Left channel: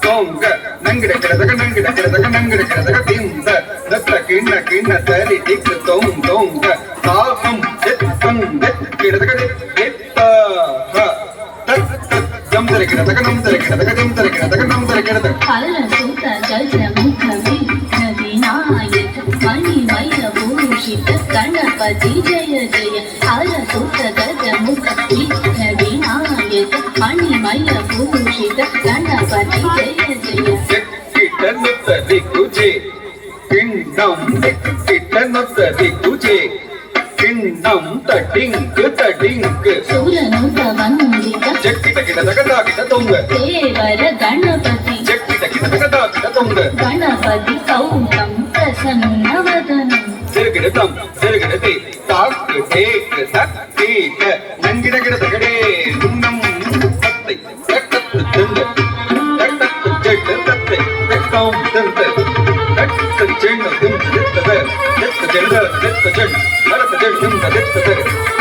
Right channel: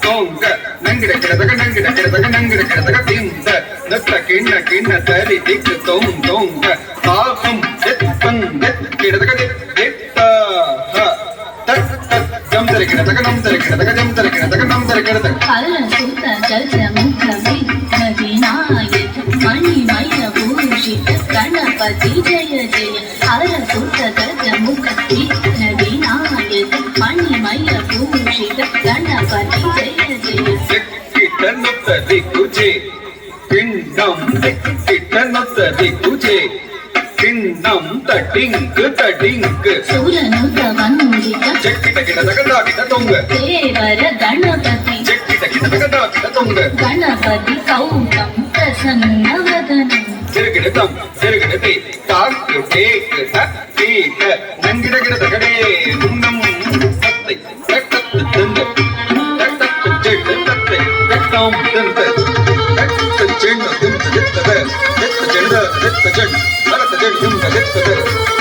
சோங்க நங்கிட கிடதக நங்கிட கிடதக நங்கிட கிடதக திந்த நத்த கிண்ண கிண்ண தரி திக்கு தோங்க பாகம் எத்தம் கிடதக எத்த தக் தக் ஜம் தரி கிடதக நம் தரி கிடதக ஜம் தரி கிடதக நம் தரி கிடதக கல்ல சுத்த ஜல்ஜ முக்லவி நவீனாயத் மணிமய பூஷித கணபதி ஜய ஜய கல்ல சுத்த ஜல்ஜ முக்லவி நவீனாயத் மணிமய பூஷித கணபதி ஜய ஜய கிட்டனுத்ததி குஜே கிண்ணம் கிட்டனுத்ததி குஜே கிண்ணம் தடிங்கு சூரனுத வந்தித ஜக்கிட கிடதக கிட தொங்க தேவர கணபதி ஜக்கிட கிடதக கிட தொங்க கணபதி கௌதம் பிரசன்னவதனம் திருகிடதம் திருகிடதி தாக்கு தேக்கு தக்கீக நங்கிட கிடதகடே துங்கம் தத்தை தக்கத்து துங்க தக்கத்து ஜெட்டு தத்தை தக்கம் தந்த தக்கத்து ஜெண்ண துங்க தித்தத தித்த ஜெண்ட தித்த ஜெண் நடத்த ஜெண் துங்க தித்தத